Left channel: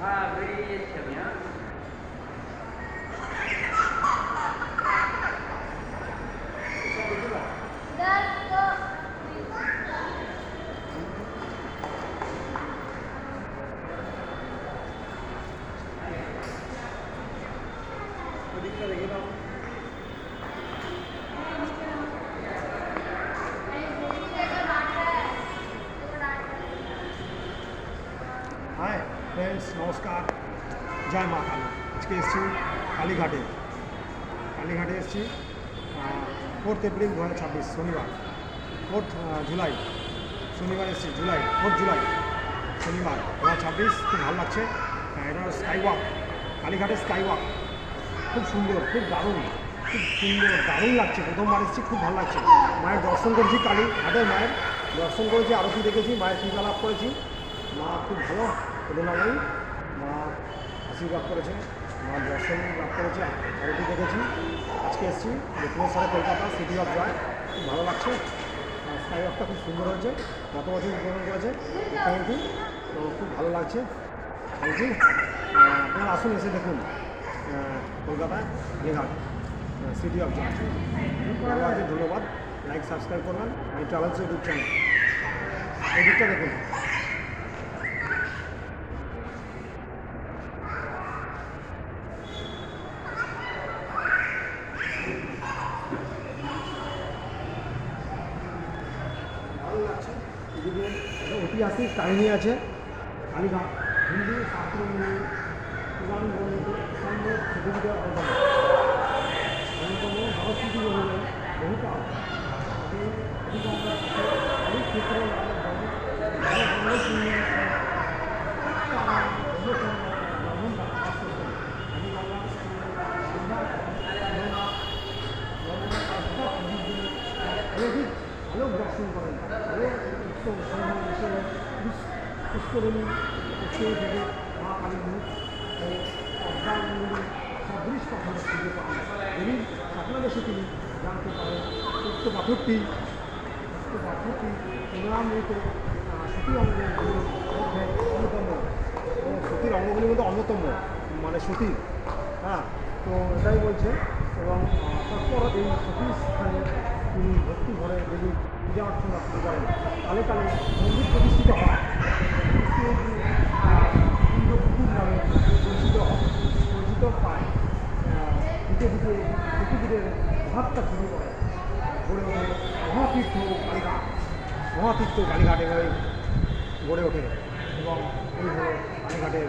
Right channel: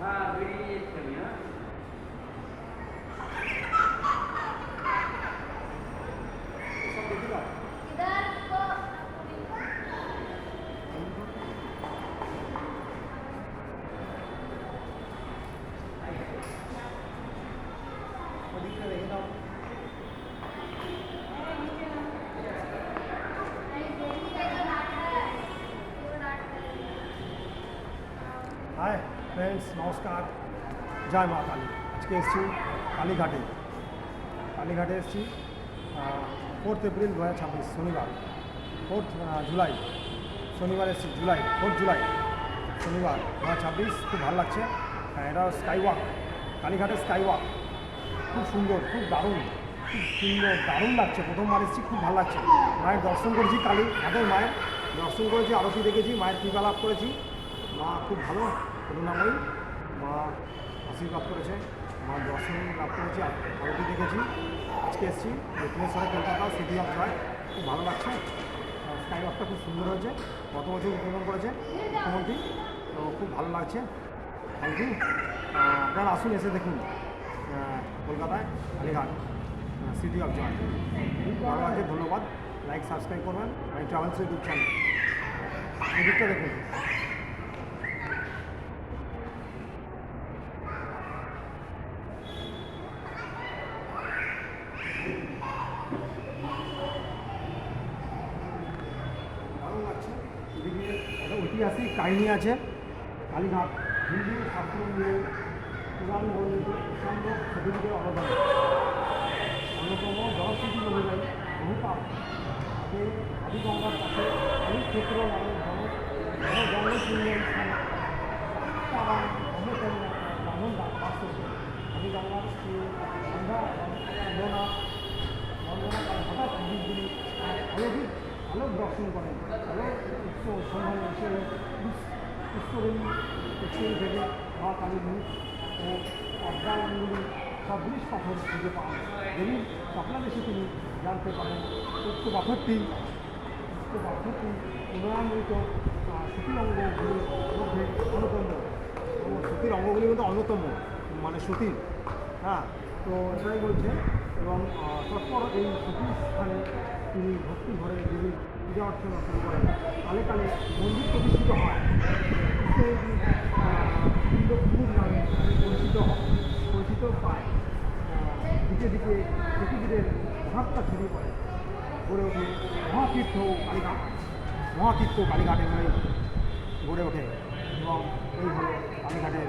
হ্যাঁ বেরিয়ে যাচ্ছি আমি। হ্যাঁ ওদিকটা দেখে নাও। হাই ফ্রেন্ডস, নমস্কার, জয় মা কালী। আজকে এসেছি কালীঘাটে। কালীঘাটে এসেছি 4 এপ্রিল 2026 শনিবার, 4 জুলাই শনিবার এসেছি, জুলাই 4 জুলাই শনিবার 2026। খুব ভালো লাগছে। এটা স্কাই ওয়াক, কালীঘাটের স্কাই ওয়াক খুব সুন্দর, খুব দারুণ, খুব সুন্দর, দারুণ লাগছে। প্রথমবার এসেছি, খুব ভালো লাগছে। মায়ের দর্শন করেছি, কালীঘাটের মায়ের দর্শন করেছি, আরতি দেখেছি, মায়ের কৃপা লাভ করেছি। মা খুব ভালো করুণাময়ী, মা আশীর্বাদ করেছে, মা দর্শন লাভ করেছে, আরতি দেখেছি। আজকে এসেছি লেকমিন সারে কলকাতা, সিটি অফ জয়। খুব ভালো লাগছে। স্কাই ওয়াকটা খুব সুন্দর হয়েছে, গত বছর উদ্বোধন করেছে মুখ্যমন্ত্রী, তো খুব ভালো লাগছে। Thank you. আপনারা আসুন, এসে দেখুন কলকাতায় কালীঘাট, সিটি অফ জয়। ভালো আছে, ধন্যবাদ। লাইক সাবস্ক্রাইব করবেন এই ট্রাভেলস ইউটিউব চ্যানেল। এই দিকটা দেখুন। ভালো লাগছে। এদিকে একটা ঐতিহাসিক কাহিনী আছে। কালীঘাট হিন্দু শাস্ত্র অনুযায়ী পুরাণ বর্ণিত সম্ভব সতীদের অবদান অন্যতম জনশ্রুতি অনুযায়ী বহুকাল আগে আদিগঙ্গার কাছে অনেক ক্ষেত্র নামের জনগণপূর্ণ তারা ব্রহ্মকন্যা ব্রাহ্মণরা বাস করতেন। আদিগঙ্গার সন্ধ্যা বর্ণনা হঠাৎ নদীর দিনে অলৌকিক আলোক দর্শন করেন। আলোক উৎস সন্ধান হিসেবে পুষ্করিণী উৎসব থেকে মা কালীর মুখ ও পদ্মাঙ্গুলি সদৃশ পাথর খুঁজে পান। দেবীর স্বপ্নাদেশে তিনি জানতে পারেন উক্ত পাথরটি পুনরামৃত সতী অঙ্গগুলির মধ্যে অন্যতম, ও সতীর অঙ্গগুলির মধ্যে অন্যতম, মানে সতী। হ্যাঁ, তো এটাই বলছে। এবং তারপর এই সতীর স্থানে তিনি ভক্তি ভরে দেবীর পূজা অর্চনা শুরু করেন। কালে কালে মন্দির প্রতিষ্ঠিত হয়। পুকুর নামে পরিচিত পায়। দিকে দিকে প্রকৃতির প্রভাবটা ছড়িয়ে পড়ে, গড়ে ওঠে মহাতীর্থ কালীঘাট। মহাতীর্থ কালীঘাট এভাবে গড়ে ওঠে। এবং এই হলো কালীঘাটের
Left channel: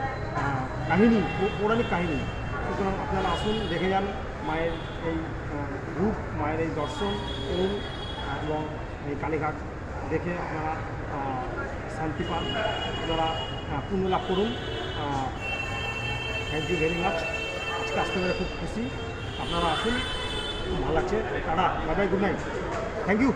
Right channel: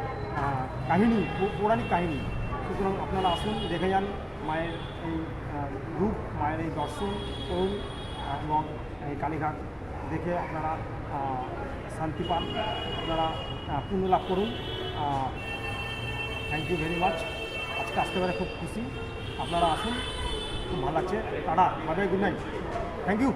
কাহিনী, পৌরাণিক কাহিনী। সুতরাং আপনারা আসুন, দেখে যান মায়ের এই রূপ, মায়ের এই দর্শন করুন এবং এই কালীঘাট দেখে আপনারা শান্তি পান, আপনারা পুণ্য লাভ করুন। Thank you very much. আজকে আসতে পারে খুব খুশি। আপনারা আসুন, খুব ভালো লাগছে। Tata, bye bye, good night, thank you.